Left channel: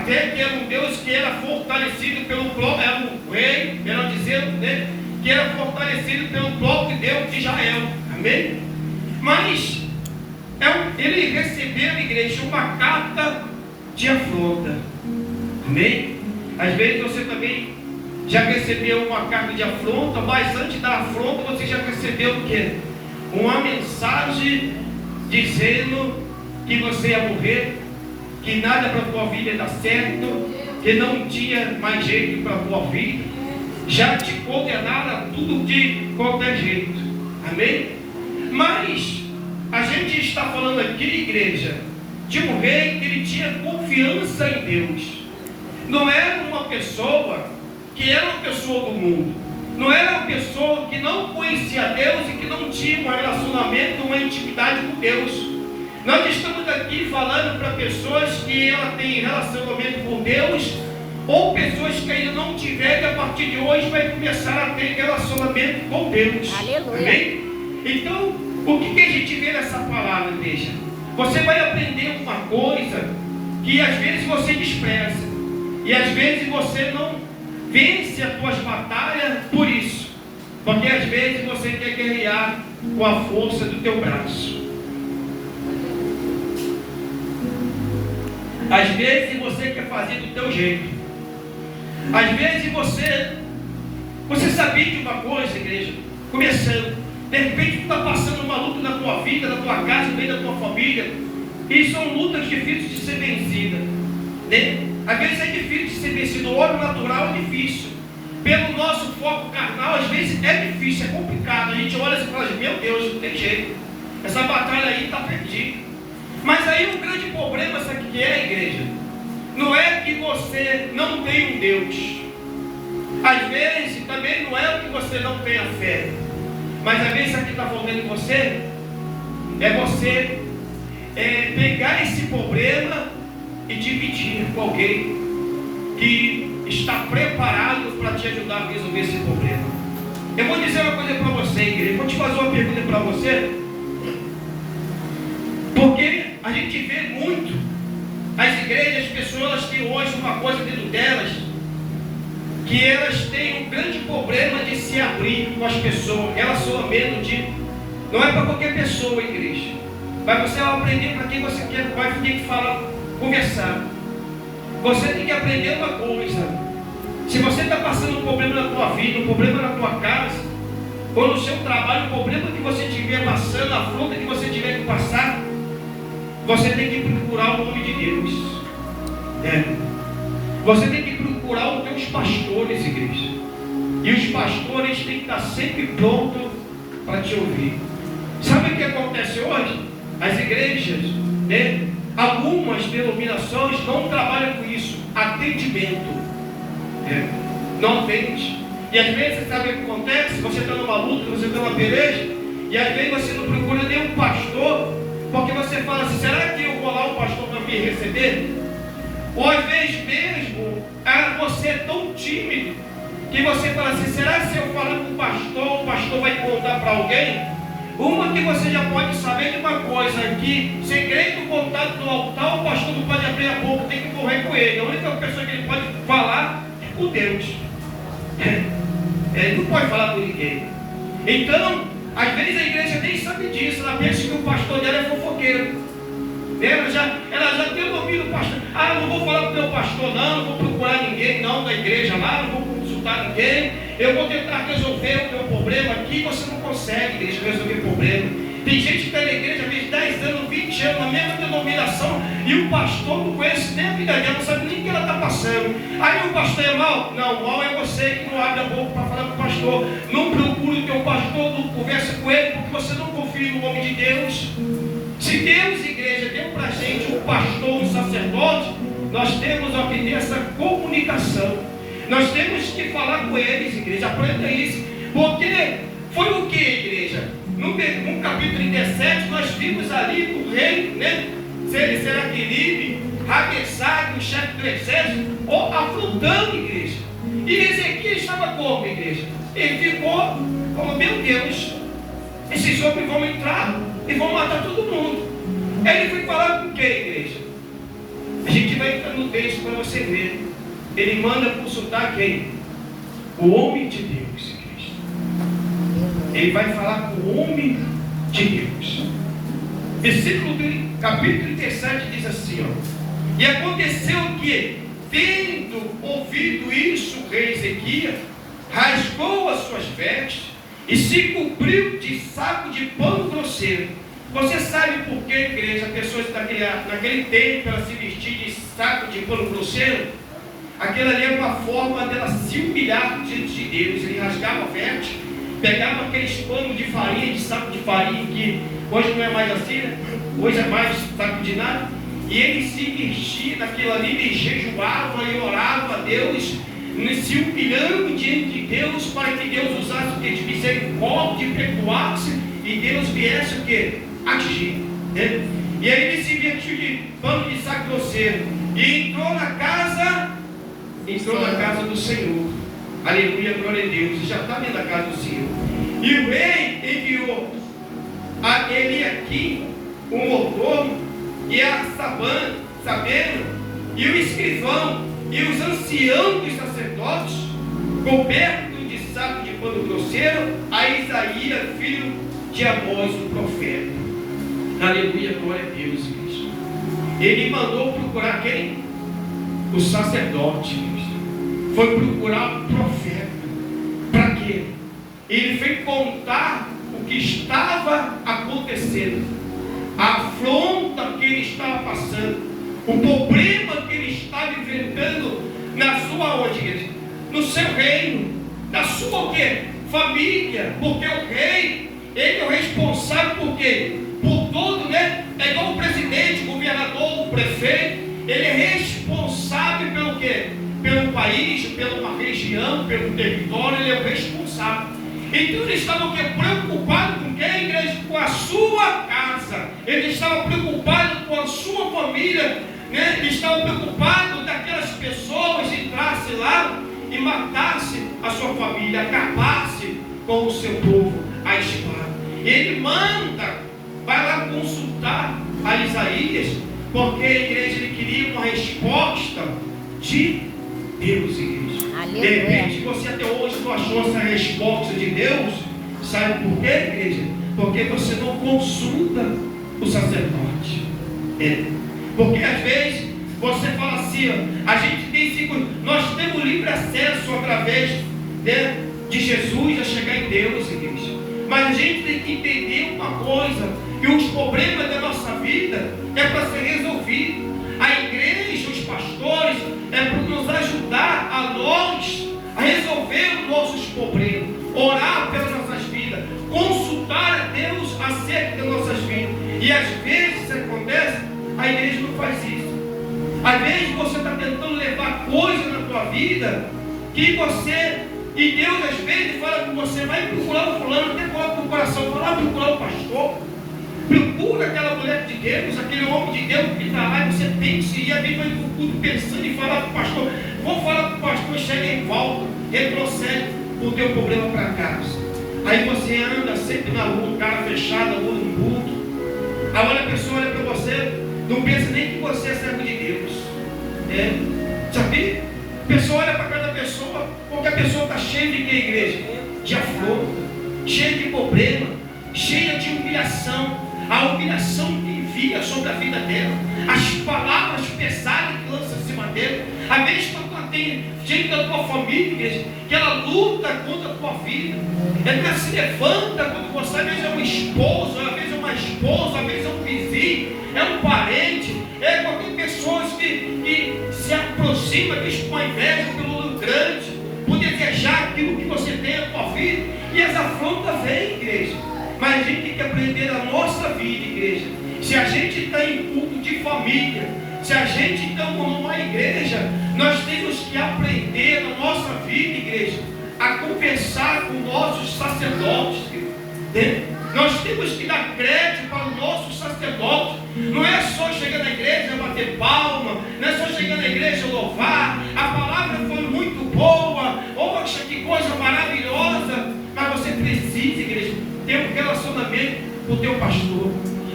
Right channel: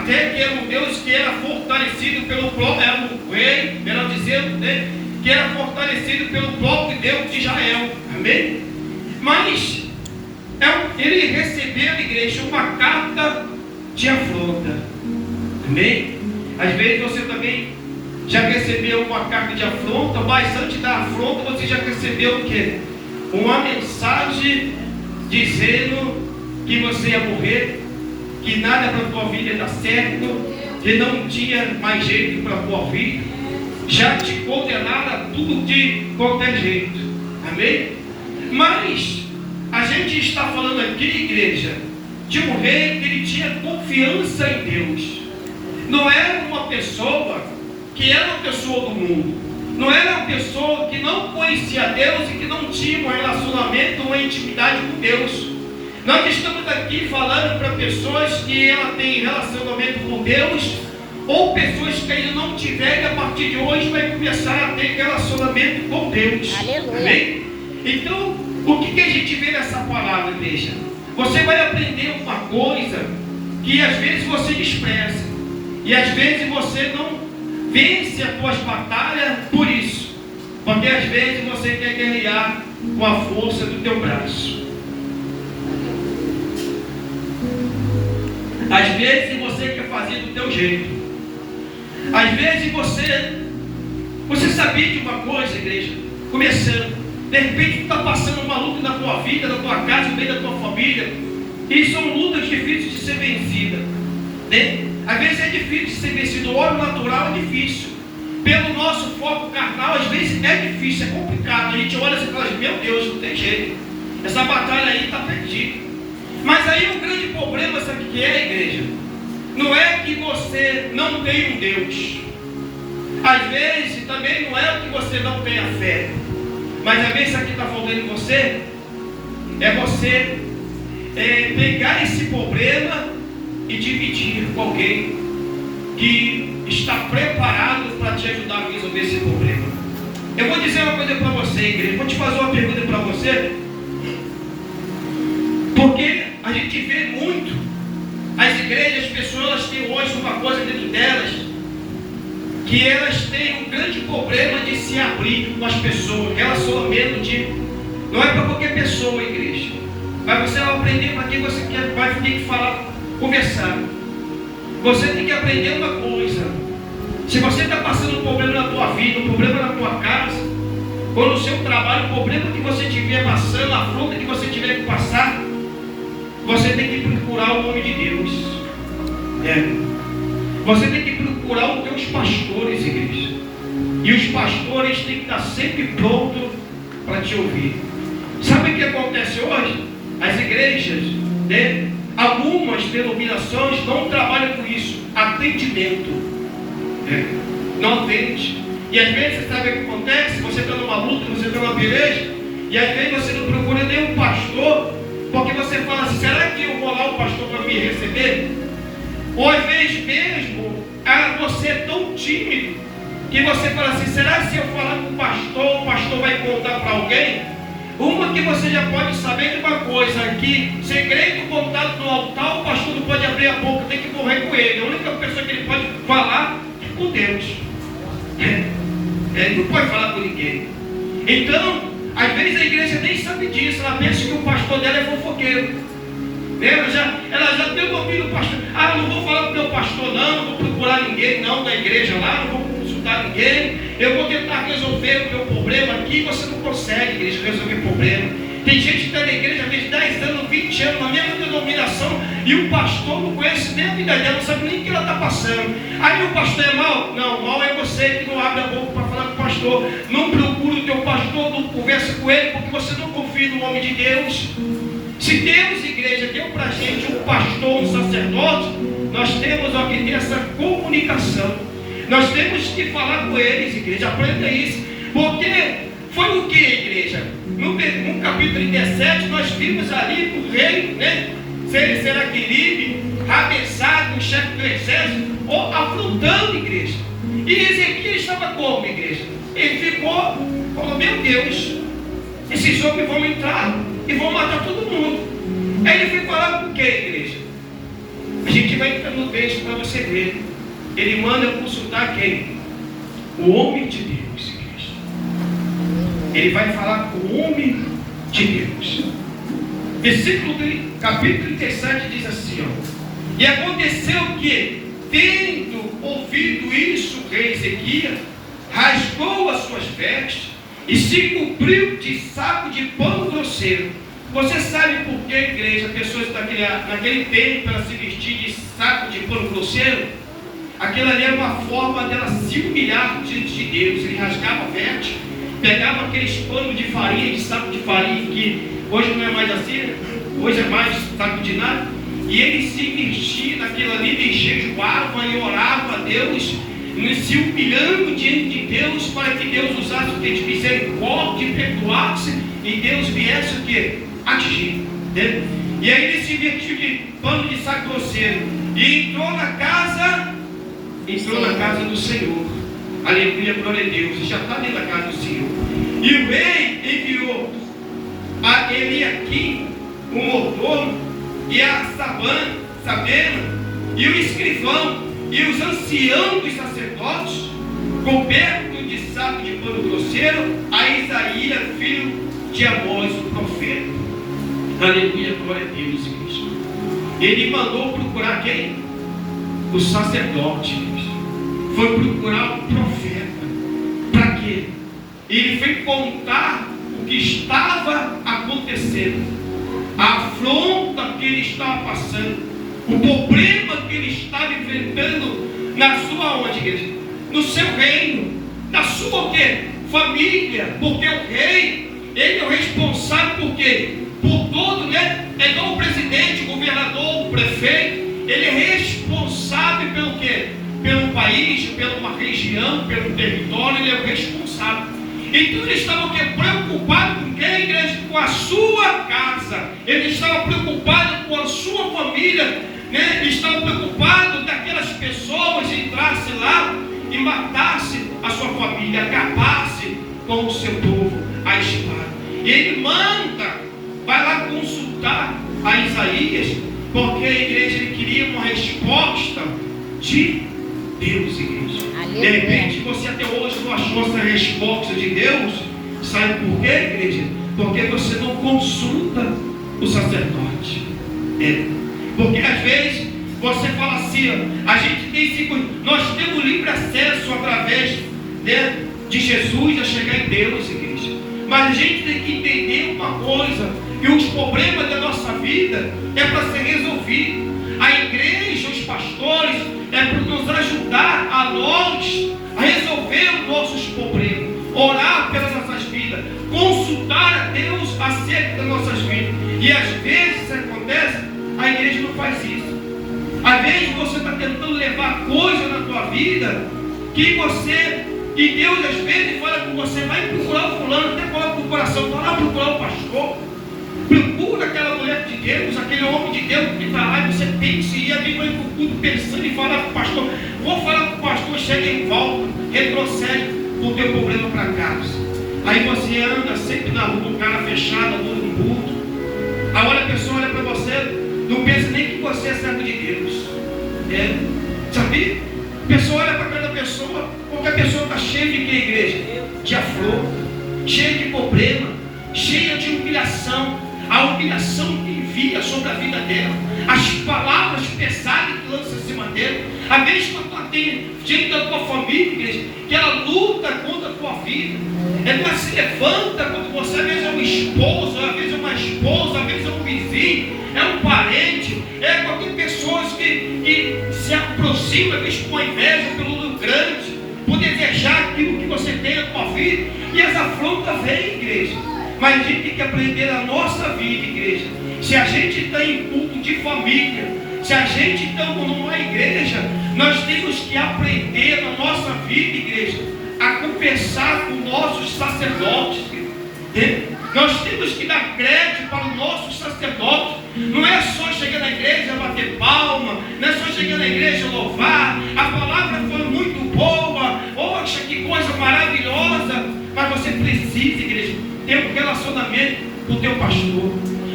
até que era um Deus que era fortalecido pelo próprio, era um rei, melhor dizendo, né, que era fortalecido pelo próprio Deus de Israel, amém? Mas ele recebeu, igreja, uma carta de afronta, amém? Às vezes você também já recebeu uma carta de afronta, mas antes da afronta você já recebeu o quê? Uma mensagem dizendo que você ia morrer, que nada para a tua vida ia dar certo, que não tinha mais jeito para a tua vida, já te condenaram a tudo de qualquer jeito, amém? Mas a gente está falando aqui, igreja, de um rei que ele tinha confiança em Deus. Não era uma pessoa que era uma pessoa do mundo, não era uma pessoa que não conhecia Deus e que não tinha um relacionamento, uma intimidade com Deus. Nós estamos aqui falando para pessoas que ela tem relacionamento com Deus, ou pessoas que ainda não tiverem, a partir de hoje vai começar a ter relacionamento com Deus. Aleluia. Amém? Então, o que a gente vê nessa palavra, igreja? Você vai aprender uma coisa que às vezes você despreza, e às vezes você não vence as tuas batalhas por isso, porque às vezes você quer guerrear com a força do teu braço. Às vezes você quer fazer do teu jeito. Às vezes você sabia de uma coisa, igreja, começando, de repente tu está passando uma luta na tua vida, na tua casa, no meio da tua família, e são lutas difíceis de ser vencidas, né? Às vezes é difícil de ser vencido, o óleo natural é difícil, pelo nosso foco carnal, às vezes é difícil, é complicado, a gente olha assim e fala, meu Deus, não tem jeito, essa batalha aí está perdida. Mas aí o grande problema, sabe o que é, igreja? Não é que você não tem um Deus. Às vezes também não é que você não tenha fé. Mas às vezes o que está faltando em você é você pegar esse problema e dividir com alguém que está preparado para te ajudar a resolver esse problema. Eu vou dizer uma coisa para você, igreja. Vou te fazer uma pergunta para você. Porque a gente vê muito as igrejas, as pessoas que hoje uma coisa dentro delas, que elas têm um grande problema de se abrir com as pessoas, relacionamento não é para qualquer pessoa, igreja, mas você vai aprender para quem você quer, vai ter que falar, conversar. Você tem que aprender uma coisa: se você está passando um problema na tua vida, um problema na tua casa, ou no seu trabalho, o problema que você estiver passando, a afronta que você tiver que passar, você tem que procurar o nome de Deus. Você tem que procurar os teus pastores, igreja. E os pastores têm que estar sempre prontos para te ouvir. Sabe o que acontece hoje? As igrejas, né? Algumas denominações não trabalham com isso. Atendimento. Não atende. E às vezes, sabe o que acontece? Você está numa luta, você está numa peleja, e às vezes você não procura nenhum pastor, porque você fala assim, será que eu vou lá o pastor para me receber? Ou às vezes mesmo, você é tão tímido, que você fala assim, será que se eu falar com o pastor vai contar para alguém? Uma que você já pode saber de uma coisa, que segredo contado no altar, o pastor não pode abrir a boca, tem que morrer com ele. A única pessoa que ele pode falar é com Deus. Ele não pode falar com ninguém. Então, às vezes a igreja nem sabe disso, ela pensa que o pastor dela é fofoqueiro. Ela já tem ouvido o pastor. Eu não vou falar com o meu pastor, não vou procurar ninguém, não, da igreja lá, não vou consultar ninguém. Eu vou tentar resolver o meu problema aqui. Você não consegue, igreja, resolver problema. Tem gente que está na igreja, às vezes 10 anos, 20 anos, na mesma denominação, e o pastor não conhece nem a vida dela, não sabe nem o que ela está passando. Aí o pastor é mau? Não, mau é você que não abre a boca para falar com o pastor. Não procura o teu pastor, não conversa com ele, porque você não confia no nome de Deus. Se Deus, igreja, deu para a gente um pastor, um sacerdote, nós temos que ter essa comunicação. Nós temos que falar com eles, igreja, aprenda isso. Porque foi o que, igreja? No capítulo 37, nós vimos ali o rei, né? Seraqueribe, Rabessag, o chefe do exército, afrontando, igreja. E Ezequias estava como, igreja? Ele falou, meu Deus, esses homens vão entrar e vão matar todo mundo. Aí ele foi falar com quem, igreja? A gente vai entrar no texto para você ver. Ele manda consultar quem? O homem de Deus, igreja. Ele vai falar com o homem de Deus. Capítulo 37 diz assim, ó. E aconteceu que, tendo ouvido isso, o rei Ezequias rasgou as suas vestes e se cobriu de saco de pano grosseiro. Você sabe por que, igreja, pessoas naquele tempo elas se vestir de saco de pano grosseiro? Aquilo ali era uma forma dela se humilhar diante de Deus. Ele rasgava a veste, pegava aqueles panos de farinha, de saco de farinha, que hoje não é mais assim, né? Hoje é mais saco de nada. E ele se vestia naquilo ali, e jejuava e orava a Deus, se humilhando diante de Deus, para que Deus usasse o que? De misericórdia e perdoasse, e Deus viesse o que? Agir, né? E aí ele se vestiu de pano de saco grosseiro e entrou na casa do Senhor. Aleluia, glória a Deus. Já está dentro da casa do Senhor. E o rei enviou a Eliaquim, o mordomo, e a Sabena, e o escrivão, e os anciãos dos sacerdotes, cobertos de saco de pano grosseiro, a Isaías, filho de Amós, o profeta. Aleluia, glória a Deus, igreja. Ele mandou procurar quem? O sacerdote, igreja. Foi procurar o profeta. Para quê? Ele foi contar o que estava acontecendo, a afronta que ele estava passando, o problema que ele estava enfrentando na sua onde, igreja? No seu reino, na sua o quê? Família, porque o rei, ele é o responsável por quê? Por todo, né? É igual o presidente, o governador, o prefeito. Ele é responsável pelo quê? Pelo país, pela uma região, pelo território. Ele é o responsável. Então ele estava o quê? Preocupado com quem, igreja? Com a sua casa. Ele estava preocupado com a sua família, né? Ele estava preocupado daquelas pessoas entrassem lá e matassem a sua família, acabassem com o seu povo, a espada. E ele manda, vai lá consultar a Isaías, porque a igreja ele queria uma resposta de Deus, igreja. De repente você até hoje não achou essa resposta de Deus. Sabe por quê, igreja? Porque você não consulta o sacerdote. Porque às vezes você fala assim, ó, a gente tem nós temos livre acesso através, né, de Jesus a chegar em Deus, igreja. Mas a gente tem que entender uma coisa, que os problemas da nossa vida é para ser resolvido. A igreja, os pastores, é para nos ajudar a nós a resolver os nossos problemas, orar pelas nossas vidas, consultar a Deus acerca das nossas vidas. E às vezes isso acontece, a igreja não faz isso. Às vezes você está tentando levar coisa na tua vida que você, e Deus às vezes fala com você, vai procurar o fulano, até coloca no coração, vai lá procurar o pastor, procura aquela mulher de Deus, aquele homem de Deus que está lá, e você pensa, e ali vai pensando e falar com o pastor, vou falar com o pastor, chega em volta, retrocede o teu problema para casa. Aí você anda sempre na rua, um cara fechado, mundo no culto. Agora a pessoa olha para você, não pensa nem que você é servo de Deus. Sabia? A pessoa olha para cada pessoa, porque a pessoa está cheia de que, igreja? De afronta, cheia de problema, cheia de humilhação. A humilhação que envia sobre a vida dela, as palavras pesadas que lança em cima dela. Às vezes quando tem gente da tua família, igreja, que ela luta contra a tua vida, ela se levanta quando você, às vezes é um esposo, às vezes é uma esposa, às vezes é um vizinho, é um parente, é qualquer pessoa que se aproxima, às vezes com a inveja, pelo olho grande, por desejar aquilo que você tem na tua vida, e as afrontas vêm, igreja. Mas a gente tem que aprender a nossa vida, igreja. Se a gente está em culto de família, se a gente está numa igreja, nós temos que aprender na nossa vida, igreja, a conversar com nossos sacerdotes. Nós temos que dar crédito para os nossos sacerdotes. Não é só chegar na igreja bater palma, não é só chegar na igreja louvar, a palavra foi muito boa, poxa, que coisa maravilhosa, mas você precisa, igreja, ter um relacionamento com o teu pastor.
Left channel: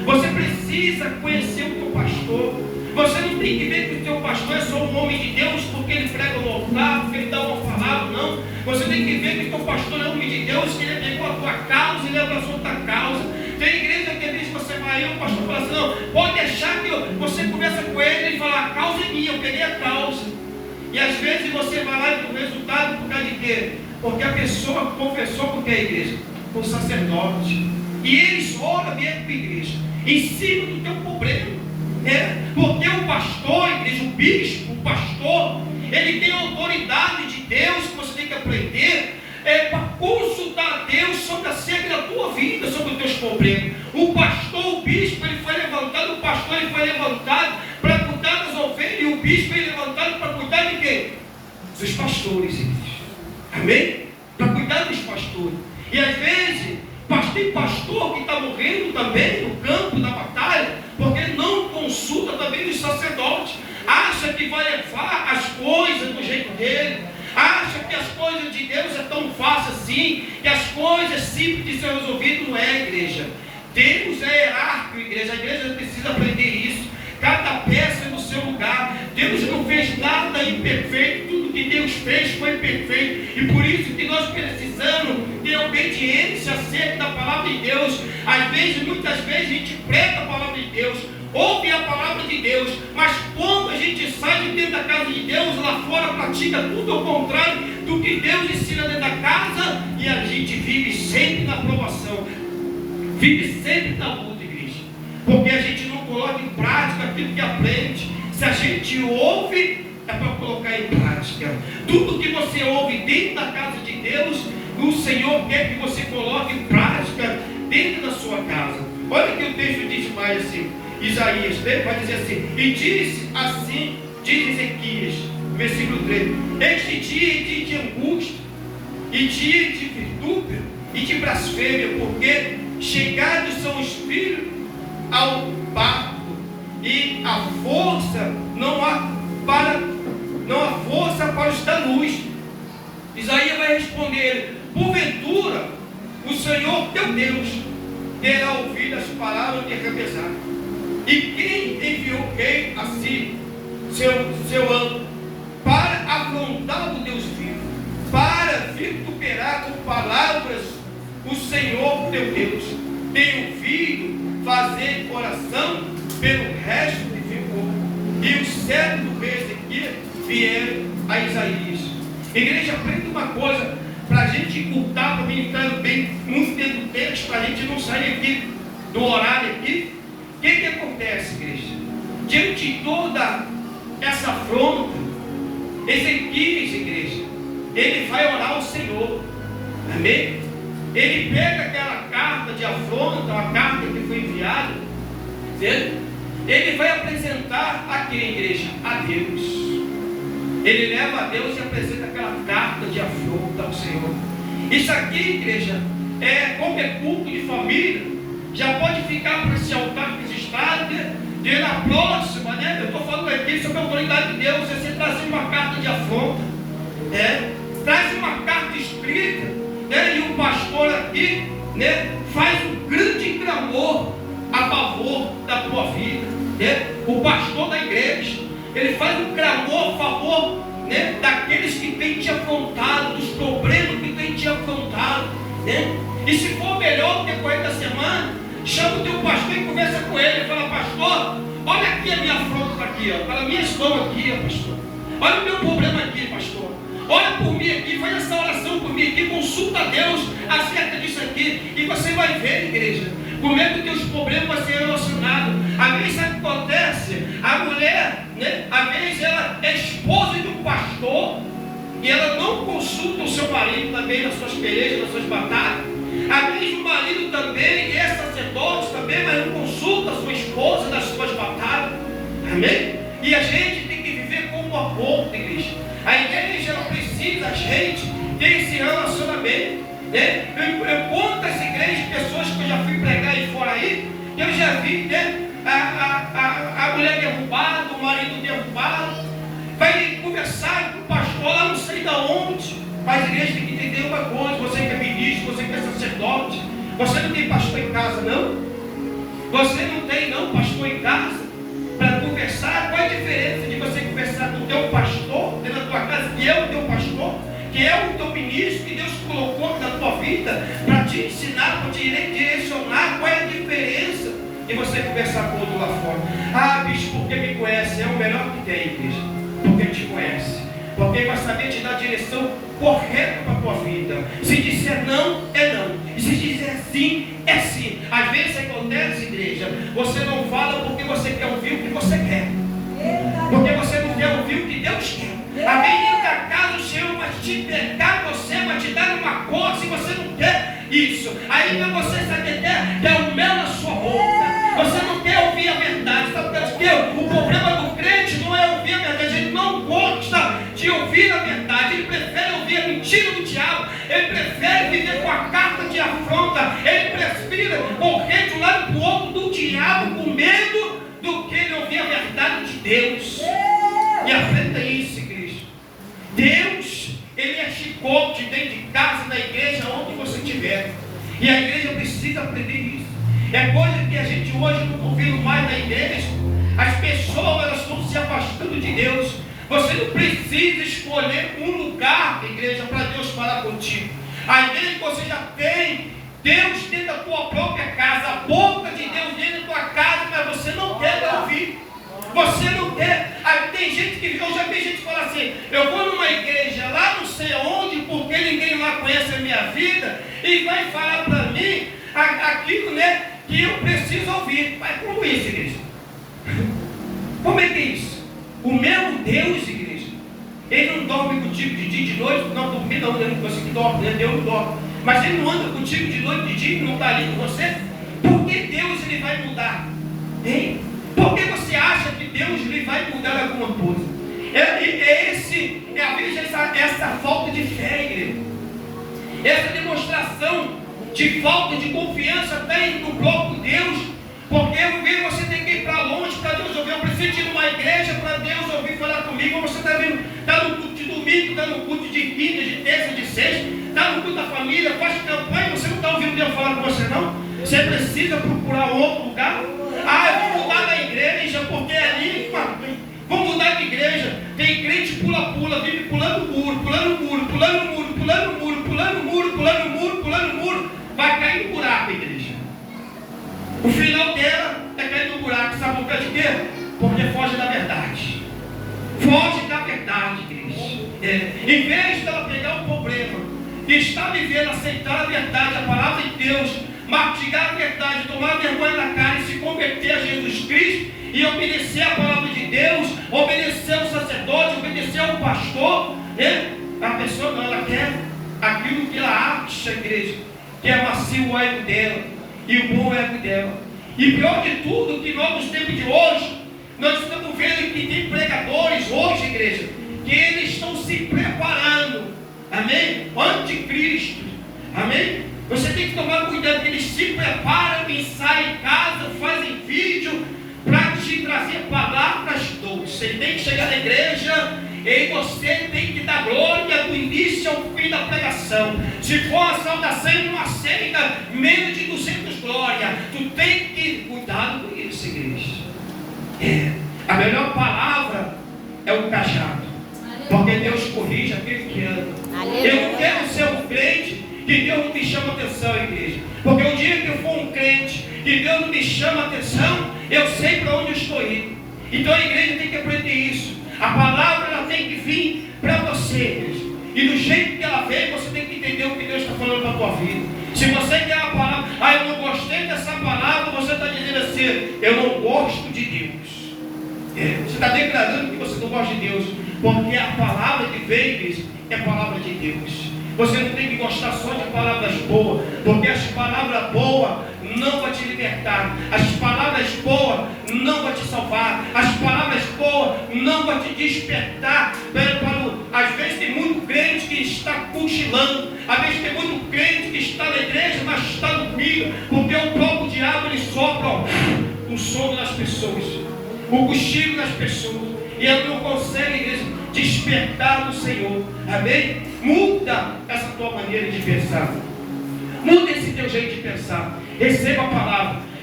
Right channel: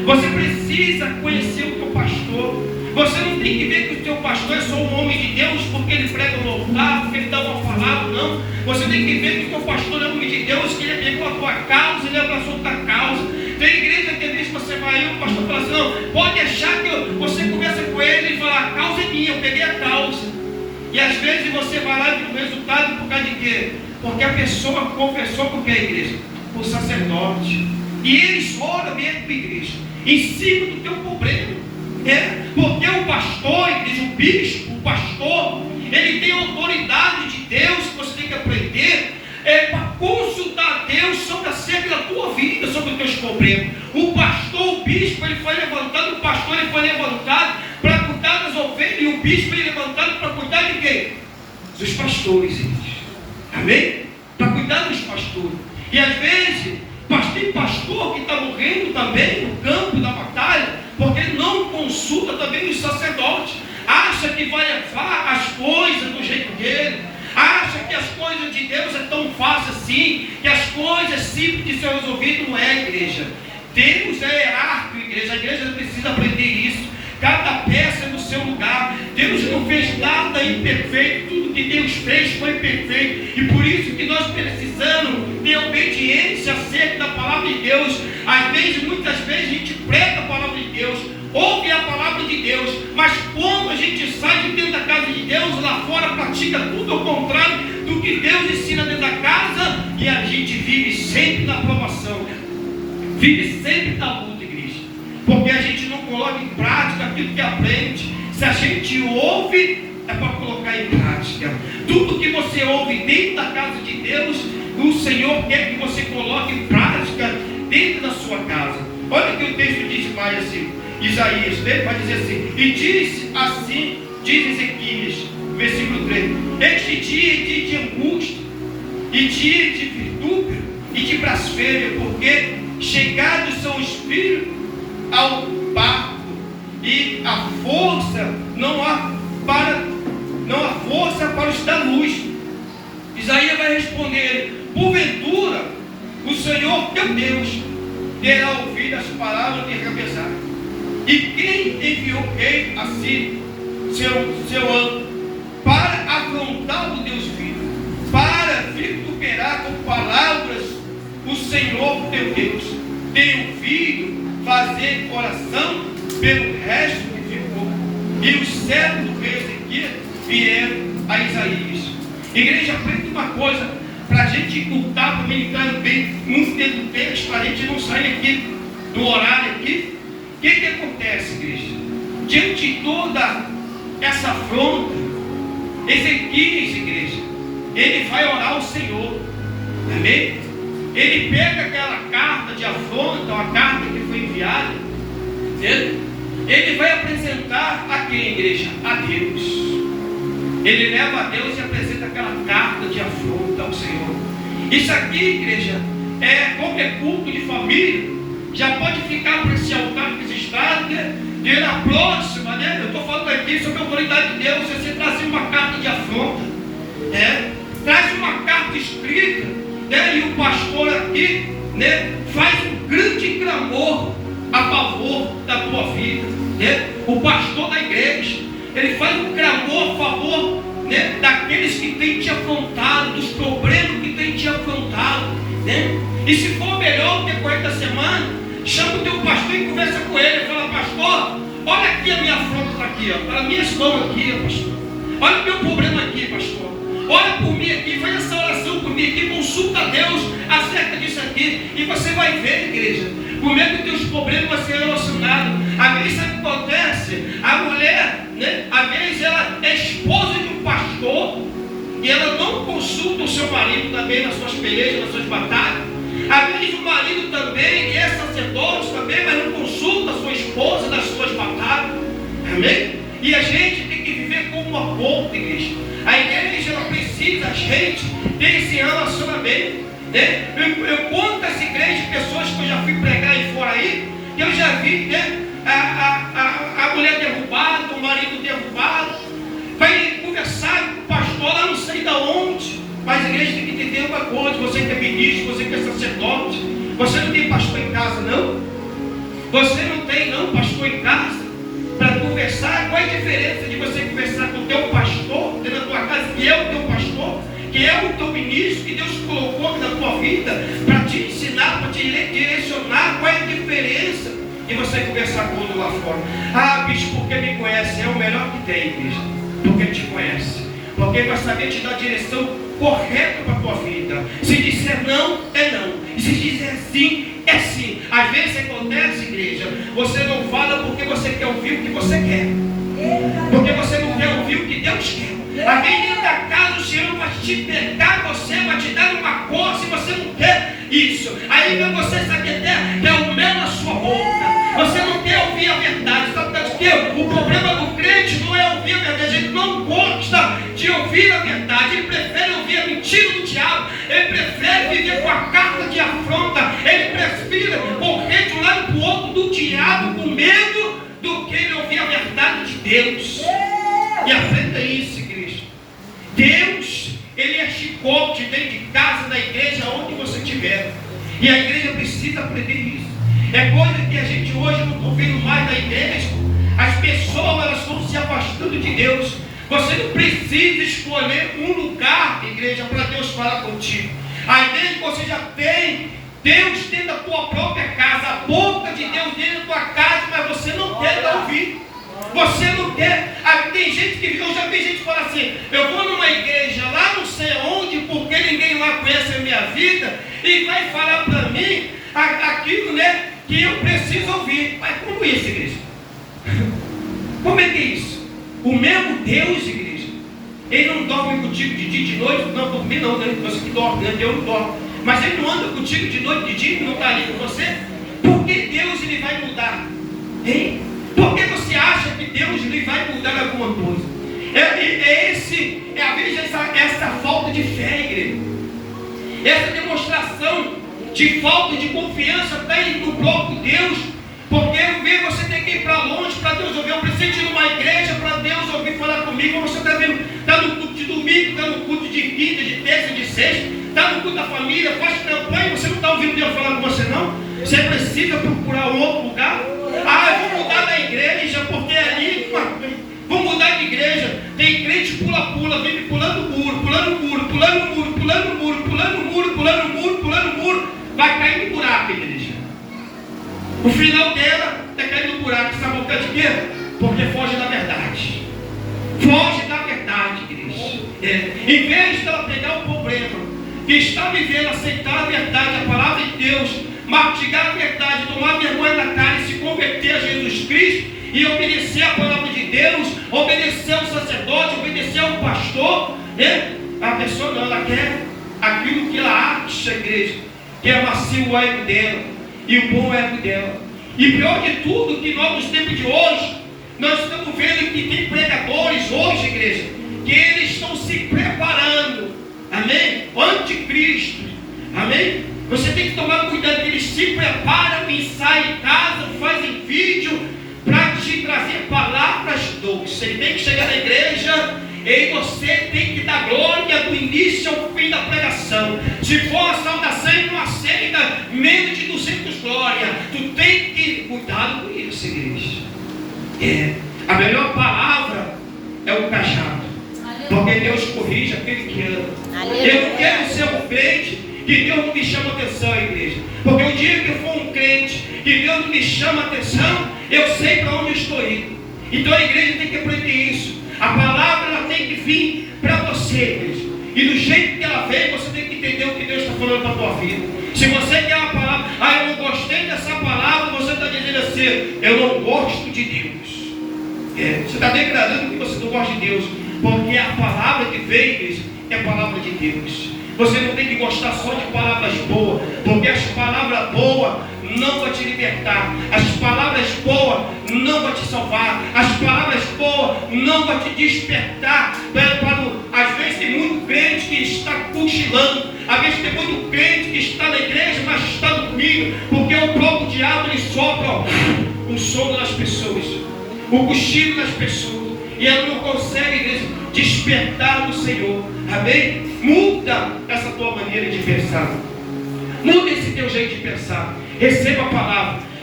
Você precisa conhecer o teu pastor. Você não tem que ver que o teu pastor é só um homem de Deus porque ele prega no altar, porque ele dá uma palavra, não. Você tem que ver que o teu pastor é um homem de Deus, que ele pegou a tua causa, ele abraçou a tua causa. Tem igreja que às vezes você vai aí, o pastor fala assim, não, pode deixar que você conversa com ele e fala, a causa é minha, eu peguei a causa. E às vezes você vai lá e o resultado por causa de quê? Porque a pessoa confessou porque é a igreja, por sacerdote. E eles oram mesmo para a igreja, em cima do teu problema. Porque o pastor, a igreja, o bispo, o pastor, ele tem a autoridade de Deus que você tem que aprender para consultar a Deus sobre acerca da tua vida, sobre os teus problemas. O pastor, o bispo, ele foi levantado, o pastor ele foi levantado para cuidar das ovelhas, e o bispo foi levantado para cuidar de quem? Dos pastores, gente. Amém? Para cuidar dos pastores. E às vezes, tem pastor que está morrendo também no campo da batalha, porque não consulta também os sacerdotes. Acha que vai levar as coisas do jeito dele. Acha que as coisas de Deus é tão fácil assim, que as coisas simples de ser resolvidas. Não é, igreja. Deus é hierárquico, igreja. A igreja precisa aprender isso. Cada peça é no seu lugar. Deus não fez nada imperfeito. Tudo que Deus fez foi perfeito. E por isso que nós precisamos ter obediência acerca da palavra de Deus. Às vezes, muitas vezes, a gente prega a palavra de Deus, ouve a palavra de Deus, mas quando a gente sai de dentro da casa de Deus, lá fora pratica tudo ao contrário do que Deus ensina dentro da casa, e a gente vive sempre na provação, vive sempre na luta, igreja, porque a gente não coloca em prática aquilo que aprende. Se a gente ouve, é para colocar em prática. Tudo que você ouve dentro da casa de Deus, o Senhor quer que você coloque em prática dentro da sua casa. Olha que o texto diz mais assim, Isaías, vai dizer assim, e diz assim, diz Ezequias, versículo 3, este dia é dia de angústia, e dia de vitúpero, e de blasfêmia, porque chegados são os filhos ao parto, e a força não há força para os da luz. Isaías vai responder, porventura, o Senhor teu Deus terá ouvido as palavras de Rabezar. E quem enviou quem assim seu anjo para afrontar o Deus vivo, para vituperar com palavras o Senhor teu Deus? Tem ouvido fazer oração pelo resto que ficou. E os servos do rei Ezequias vieram a Isaías. Igreja, aprende uma coisa, para a gente ocultar, para mim entrar bem muito dentro do texto, para a gente não sair aqui do horário aqui. O que acontece, igreja? Diante de toda essa afronta, Ezequias, igreja, ele vai orar ao Senhor. Amém? Ele pega aquela carta de afronta, uma carta que foi enviada, ele vai apresentar a quem, igreja? A Deus. Ele leva a Deus e apresenta aquela carta de afronta ao Senhor. Isso aqui, igreja, qualquer culto de família já pode ficar para esse altar registrado, e na próxima, eu estou falando aqui sobre a autoridade de Deus. Você traz uma carta de afronta, traz uma carta escrita, e o pastor aqui faz um grande clamor a favor da tua vida. O pastor da igreja, ele faz um clamor a favor daqueles que têm te afrontado, dos problemas que têm te afrontado. E se for melhor do que 40 semanas, chama o teu pastor e conversa com ele. Fala, pastor, olha aqui a minha afronta, está aqui, pelas minhas mãos aqui, pastor. Olha o meu problema aqui, pastor. Olha por mim aqui, faz essa oração por mim aqui, consulta a Deus acerca disso aqui, e você vai ver, igreja, como é que os teus problemas vão ser relacionados. Às vezes sabe o que acontece? A mulher, às vezes ela é esposa de um pastor, e ela não consulta o seu marido também nas suas pelejas, nas suas batalhas. Às vezes o marido também é sacerdote também, mas não consulta a sua esposa nas suas batalhas. Amém? E a gente tem que viver como a ponta, igreja. A igreja, ela precisa, a gente, ter esse relacionamento. Eu conto essa igreja de pessoas que eu já fui pregar aí fora aí, e eu já vi a mulher derrubada, o marido derrubado, vai conversar com o pastor lá não sei de onde. Mas a igreja tem que entender uma coisa: você que é ministro, você que é sacerdote, você não tem pastor em casa, não? Você não tem não pastor em casa para conversar? Qual é a diferença de você conversar com o teu pastor dentro da tua casa, que é o teu pastor, que é o teu ministro, que Deus colocou na tua vida para te ensinar, para te direcionar? Qual é a diferença de você conversar com outro lá fora? Ah, bicho, porque me conhece, é o melhor que tem, igreja. Porque te conhece, porque vai saber te dar a direção correta para a tua vida. Se disser não, é não, e se disser sim, é sim. Às vezes acontece, igreja, você não fala porque você quer ouvir o que você quer, porque você não quer ouvir o que Deus quer. Alguém dentro da casa, o Senhor vai te pegar, você vai te dar uma coisa e você não quer isso. Aí vem você, sabe até que é o mel na sua boca. Você não quer ouvir a verdade. Sabe por quê? O problema do crente não é ouvir a verdade. Ele não gosta de ouvir a verdade. Ele prefere ouvir a mentira do diabo. Ele prefere viver com a carta de afronta. Ele prefere correr de um lado para o outro do diabo com medo do que ele ouvir a verdade de Deus. E aprenda isso, igreja. Deus, Ele é chicote dentro de casa, da igreja, onde você estiver. E a igreja precisa aprender isso. É coisa que a gente hoje não está ouvindo mais na igreja. As pessoas, elas estão se afastando de Deus. Você não precisa escolher um lugar, igreja, para Deus falar contigo. A igreja que você já tem Deus dentro da tua própria casa, a boca de Deus dentro da tua casa, mas você não quer ouvir. Você não quer. Aí tem gente que, eu já vi gente falar assim: eu vou numa igreja lá não sei aonde, porque ninguém lá conhece a minha vida, e vai falar para mim aquilo, né, que eu preciso ouvir. Mas como isso, igreja? Como é que é isso? O mesmo Deus, igreja, Ele não dorme contigo de dia e de noite. Não, dormir não, você que dorme, né? Deus não dorme. Mas Ele não anda contigo de noite e de dia, não está ali com você. Por que Deus Ele vai mudar? Hein? Por que você acha que Deus Ele vai mudar alguma coisa? Às vezes essa falta de fé, igreja, essa demonstração de falta de confiança tem no próprio Deus. Porque você tem que ir para longe para Deus ouvir. Eu preciso ir numa igreja para Deus ouvir falar comigo. Você está no culto de domingo, está no culto de quinta, de terça, de sexta, está no culto da família, faz campanha, você não está ouvindo Deus falar com você não? Você precisa procurar um outro lugar. Ah, eu vou mudar da igreja, porque ali, vou mudar de igreja. Tem crente pula-pula, vive pulando muro, pulando muro, pulando muro, pulando muro, pulando muro, pulando muro, pulando muro. Vai cair no buraco, igreja. O final dela é cair no buraco. Sabe por causa de quê? Porque foge da verdade. Foge da verdade, igreja. Em vez de ela pegar o problema que está vivendo, aceitar a verdade, a palavra de Deus, mastigar a verdade, tomar vergonha na cara e se converter a Jesus Cristo e obedecer a palavra de Deus, obedecer ao sacerdote, obedecer ao pastor, né? A pessoa não, ela quer aquilo que ela acha, igreja, que é macio o ego dela e o bom ego dela. E pior de tudo, que nós nos tempos de hoje, nós estamos vendo que tem pregadores hoje, igreja, que eles estão se preparando, amém? Anticristo, amém? Você tem que tomar cuidado, que eles se preparam e saem em casa, fazem vídeo para te trazer palavras doces. Ele tem que chegar na igreja e você tem que dar glória do início ao fim da pregação. Se for a saudação, ele não aceita menos de 200 glórias. Tu tem que cuidar com isso, igreja. A melhor palavra é o cajado, porque Deus corrige aquele que ama. Eu não quero ser um crente que Deus não me chama atenção, igreja. Porque o dia que eu for um crente que Deus não me chama atenção, eu sei para onde eu estou indo. Então a igreja tem que aprender isso. A palavra ela tem que vir para você, igreja. E do jeito que ela vem, você tem que entender o que Deus está falando para a tua vida. Se você quer a palavra, eu não gostei dessa palavra, você está dizendo assim: eu não gosto de Deus. Você está declarando que você não gosta de Deus, porque a palavra que vem, igreja, é a palavra de Deus. Você não tem que gostar só de palavras boas, porque as palavras boas não vão te libertar, as palavras boas não vão te salvar, as palavras boas não vão te despertar. Às vezes tem muito crente que está cochilando, às vezes tem muito crente que está na igreja, mas está dormindo, porque o próprio diabo ele sopra o sono das pessoas, o cochilo das pessoas, e ela não consegue, igreja, despertar do Senhor. Amém? Muda essa tua maneira de pensar. Muda esse teu jeito de pensar. Receba a palavra.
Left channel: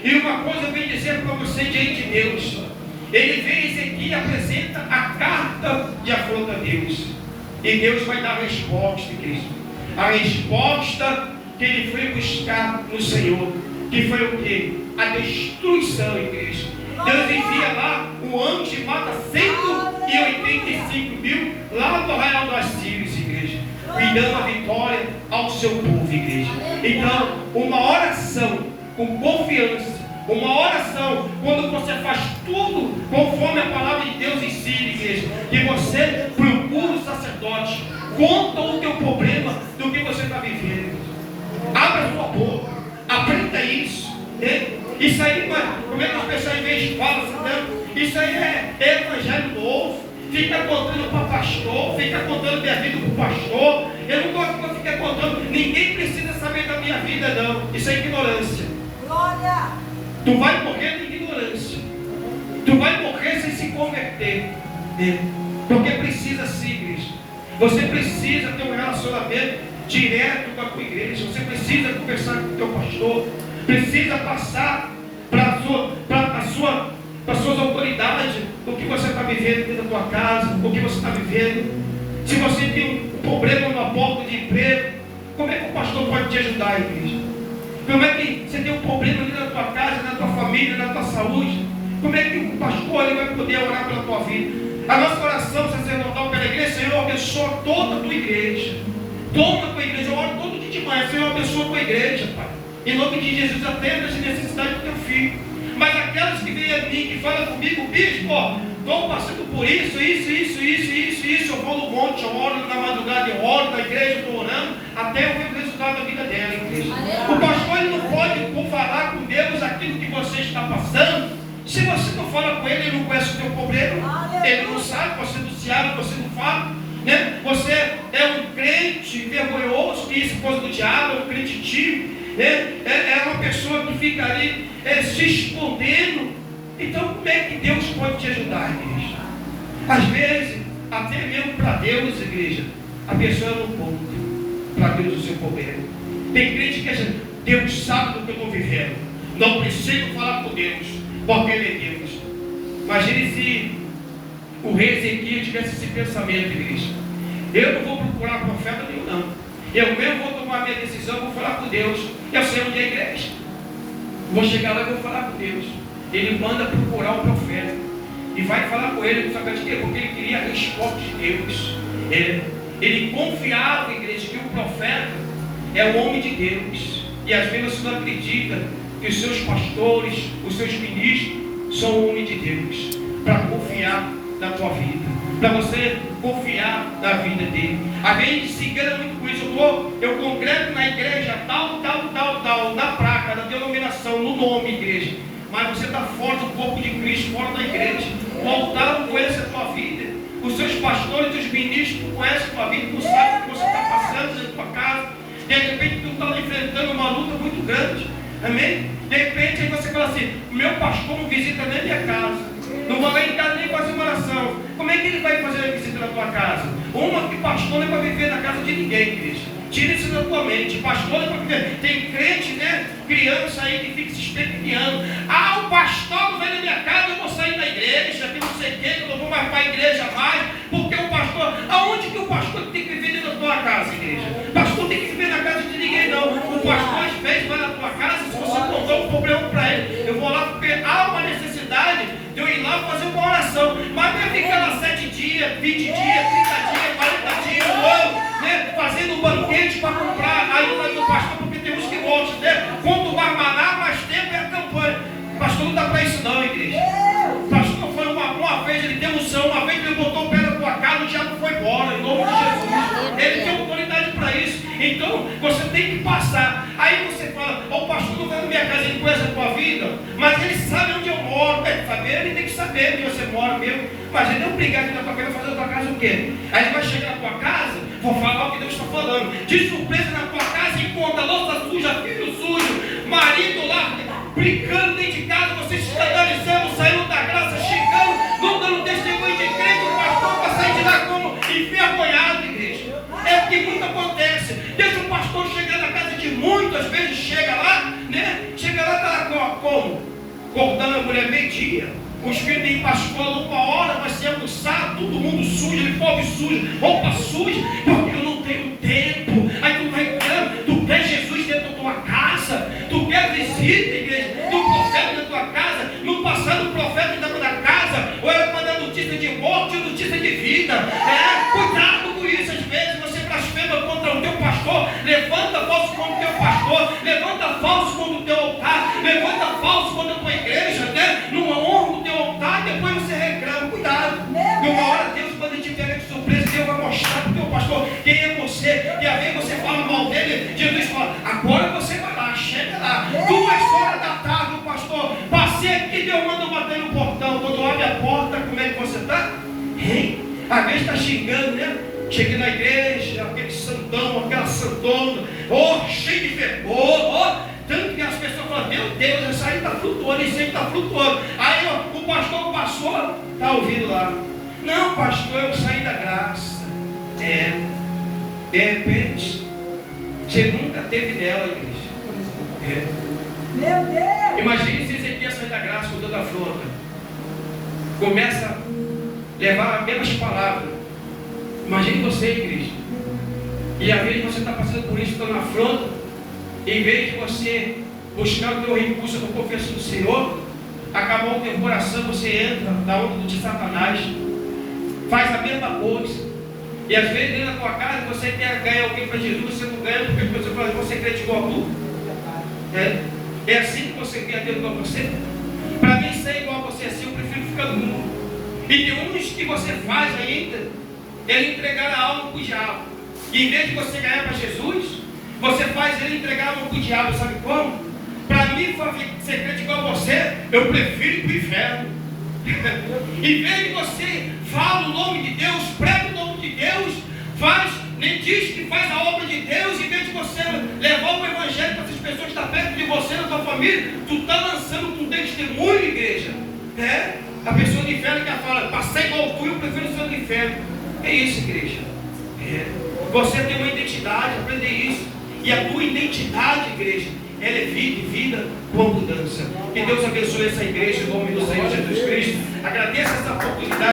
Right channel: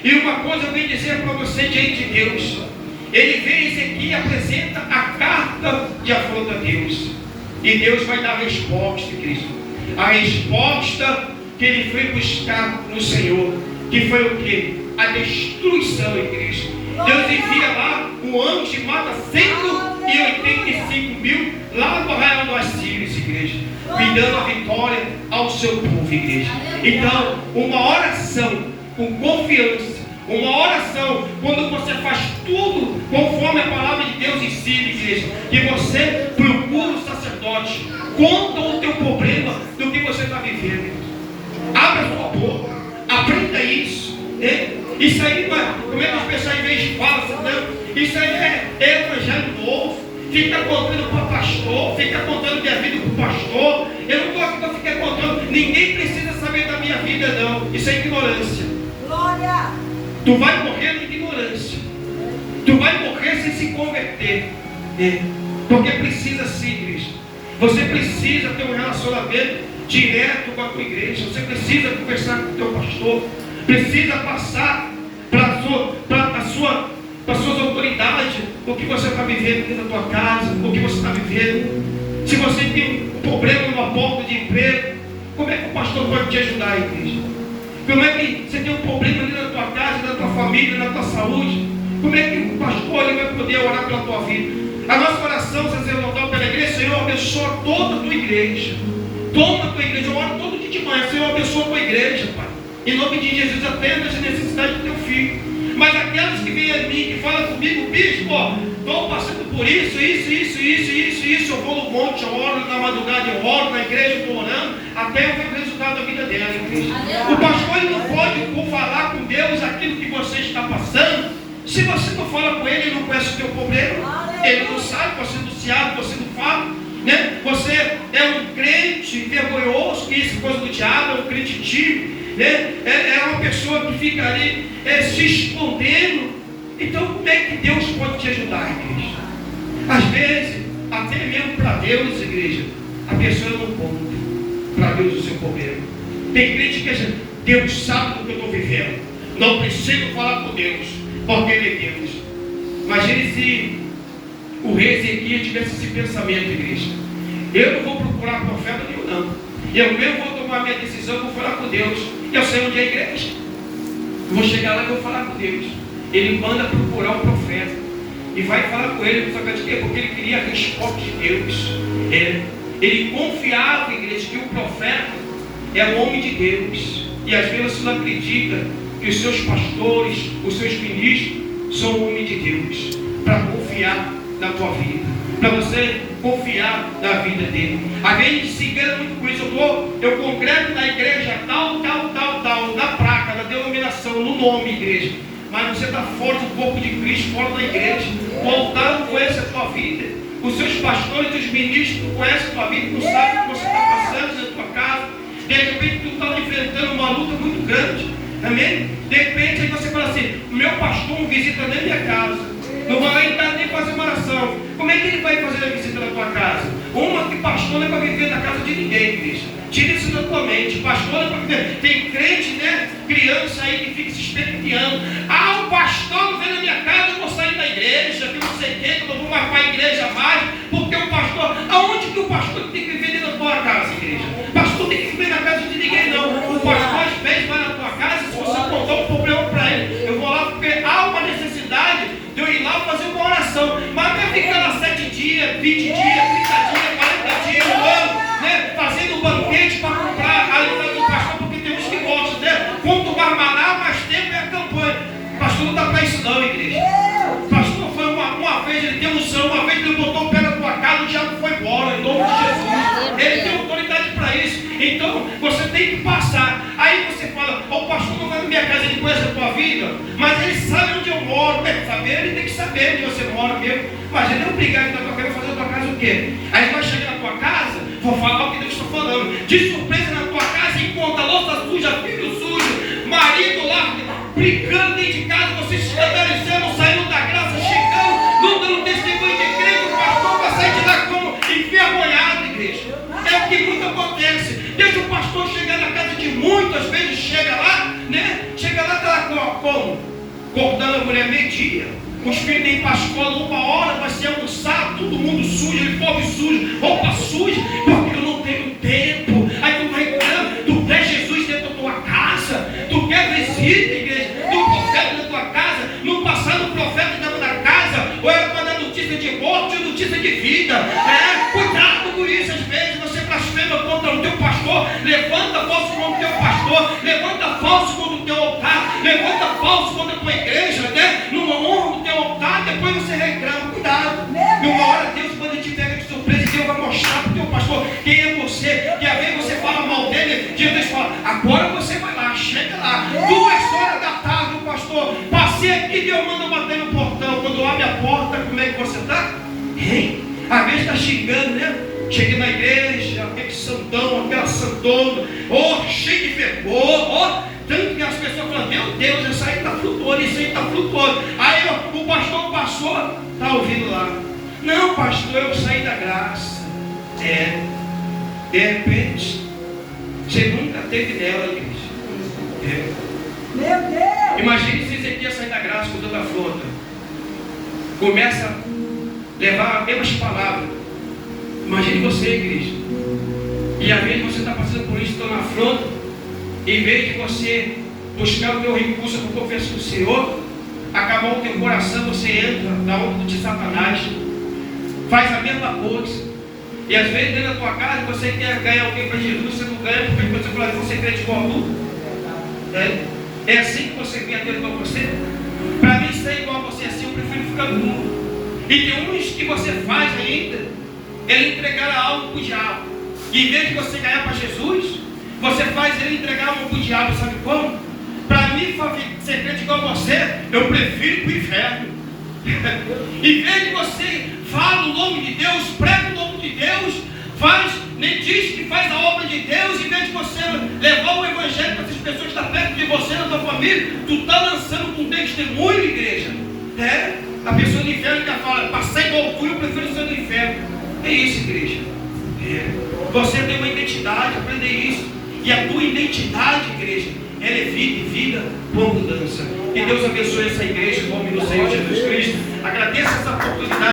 E uma coisa eu venho dizer para você diante de Deus. Ele vem aqui e apresenta a carta de afronta a Deus. E Deus vai dar a resposta, Cristo. A resposta que ele foi buscar no Senhor. Que foi o quê? A destruição em Cristo. Deus envia lá um anjo e mata 185 mil lá do arraial do Assírios, igreja. E dando a vitória ao seu povo, igreja. Então, uma oração com confiança. Uma oração, quando você faz tudo conforme a palavra de Deus ensina, igreja, que você procura o sacerdote, conta o teu problema do que você está vivendo. Abra a sua boca, aprenda isso, né? Isso aí, como é que as pessoas às vezes falam, né? Isso aí é evangelho novo. Fica contando para o pastor, fica contando minha vida para o pastor. Eu não gosto para ficar contando, ninguém precisa saber da minha vida, não. Isso é ignorância. Glória! Tu vai morrer na ignorância. Tu vai morrer sem se converter. Porque precisa sim, igreja. Você precisa ter um relacionamento direto com a tua igreja. Você precisa conversar com o teu pastor. Precisa passar para as suas autoridades o que você está vivendo dentro da tua casa, o que você está vivendo. Se você tem um problema numa porta de emprego, como é que o pastor pode te ajudar, igreja? Como é que você tem um problema ali na tua casa, na tua família, na tua saúde? Como é que o pastor ele vai poder orar pela tua vida? A nossa oração sacerdotal pela igreja, Senhor, abençoa toda a tua igreja. Toma a tua igreja, eu oro todo dia de manhã, Senhor, abençoa a tua igreja, Pai. Em nome de Jesus, atenda as necessidades do teu filho. Mas aquelas que vêm a mim, que falam comigo, bispo, estou passando por isso, eu vou no monte, eu oro na madrugada, eu oro na igreja, estou orando, até eu ver o resultado da vida dela, igreja. O pastor ele não pode falar com Deus aquilo que você está passando. Se você não fala com ele, ele não conhece o teu problema. Ele não sabe, você não se abre, você não fala, né? Você é um crente vergonhoso, que isso é coisa do diabo, é um crente tímido, né? É uma pessoa que fica ali se escondendo. Então como é que Deus pode te ajudar, igreja? Às vezes, até mesmo para Deus, igreja, a pessoa não conta para Deus o seu problema. Tem crente que diz, Deus sabe do que eu estou vivendo, não preciso falar com Deus, porque Ele é Deus. Imagine se o rei Ezequias tivesse esse pensamento, igreja. Eu não vou procurar profeta nenhum, não. Eu mesmo vou tomar minha decisão, vou falar com Deus. Eu sei onde é a igreja. Vou chegar lá e vou falar com Deus. Ele manda procurar um profeta e vai falar com ele, sabe de quê? Porque ele queria a resposta de Deus. Ele confiava, igreja, que o profeta é o homem de Deus. E às vezes você não acredita que os seus pastores, os seus ministros são o homem de Deus, para confiar na tua vida, para você confiar na vida dele. Às vezes se engana muito com isso. Eu congresso na igreja tal, na placa, na denominação, no nome, igreja. Mas você está fora do corpo de Cristo, fora da igreja. O altar não conhece a tua vida. Os seus pastores, os ministros não conhecem a tua vida, não sabem o que você está passando na tua casa. De repente tu está enfrentando uma luta muito grande. Amém? De repente aí você fala assim, meu pastor não visita nem a minha casa. Não vai entrar nem fazer uma oração. Como é que ele vai fazer a visita na tua casa? Uma que pastor não é para viver na casa de ninguém, Cristo. Tira isso da tua mente. Pastor não é para viver. Tem crente, né? Criança aí que fica se especulando. O pastor não vem na minha casa, eu vou sair da igreja, que não sei o que, eu não vou mais para a igreja mais, porque o pastor. Aonde que o pastor tem que viver dentro da tua casa, igreja? O pastor tem que viver na casa de ninguém, não. O pastor às vezes vai na tua casa, se você contou um problema para ele. Eu vou lá porque há uma necessidade de eu ir lá fazer uma oração. Mas vai ficar lá 7 dias, 20 dias, 30 dias, 40 dias, um ano, né? Fazendo um banquete para comprar a ajuda do pastor, porque tem uns que gostam, né? Quanto mais maná, mais tempo é a campanha. O pastor não está para isso não, igreja. O pastor foi uma vez, ele tem unção, uma vez ele botou o pé na tua casa, o diabo foi embora, em nome de Jesus. Ele tem autoridade para isso. Então, você tem que passar. Aí você fala, o pastor não vai na minha casa, ele conhece a tua vida, mas ele sabe onde eu moro. Ele tem que saber onde você mora mesmo. Mas ele é obrigado na tua casa a fazer na tua casa o quê? Aí ele vai chegar na tua casa, vou falar o que Deus está falando. De surpresa na tua casa, encontra louça suja, filho sujo, marido lá, brincando dentro de casa, você se escandalizando, saindo da graça, chegando, não dando testemunho de crente, o pastor vai sair de lá como envergonhado, igreja. É o que muito acontece. Deixa o pastor chegar na casa de muitas vezes, chega lá, né? Chega lá ela está como? Cortando a mulher meio-dia, cuspindo em pascola 1 hora, vai ser almoçar, todo mundo sujo, uniforme sujo, roupa suja, porque eu não tenho tempo. Aí tu vai entrando, tu quer Jesus dentro da tua casa, tu quer visita, igreja, do profeta da tua casa, no passado o profeta estava na casa, ou era para dar notícia de morte ou notícia de vida. Cuidado com isso, às vezes você blasfema contra o teu pastor, levanta falso contra o teu pastor, levanta falso contra o teu altar, levanta falso contra a tua igreja, né? Numa honra do teu altar, depois você reclama. Cuidado, e uma hora Deus, quando te pega de surpresa, Deus vai mostrar para o teu pastor quem é você, que às vezes você fala mal dele, Deus fala, agora você vai lá, chega lá, 2 horas da tarde, o pastor, passei aqui, Deus manda bater no portão, quando abre a porta, como é que você está? Às vezes está xingando, né? Cheguei na igreja, aquele santão, aquela santona, cheio de fervor, tanto que as pessoas falam, meu Deus, essa aí está flutuando, isso aí está flutuando. Aí o pastor passou, está ouvindo lá, não pastor, eu saí da graça. De repente, você nunca teve dela, igreja. Meu Deus! Imagine se Ezequias sair da graça com toda a afronta, começa a levar as mesmas palavras. Imagine você, igreja, e às vezes você está passando por isso, está na afronta, em vez de você buscar o teu recurso para confessar o Senhor, acabar o teu coração, você entra na onda de Satanás, faz a mesma coisa. E às vezes dentro da tua casa você quer ganhar alguém para Jesus, você não ganha, porque você fala, você crê igual a tu. É assim que você quer ter igual a você? Para mim ser igual a você assim, eu prefiro ficar no mundo. E tem uns que você faz ainda, ele entregar a alma para o diabo. E em vez de você ganhar para Jesus, você faz ele entregar a alma para o diabo, sabe como? Para mim ser crente igual a você, eu prefiro ir para o inferno. Em vez de você falar o nome de Deus, prega o nome de Deus, nem diz que faz a obra de Deus, em vez de você levar o evangelho para essas pessoas que estão perto de você, na tua família, tu está lançando com testemunho, igreja. A pessoa do inferno que fala, passar igual eu fui, eu prefiro ser do inferno. É isso, igreja. Você tem uma identidade, aprender isso. E a tua identidade, igreja, ela é vida e vida com abundância. Que Deus abençoe essa igreja em nome do Senhor Jesus Cristo. Agradeço essa oportunidade.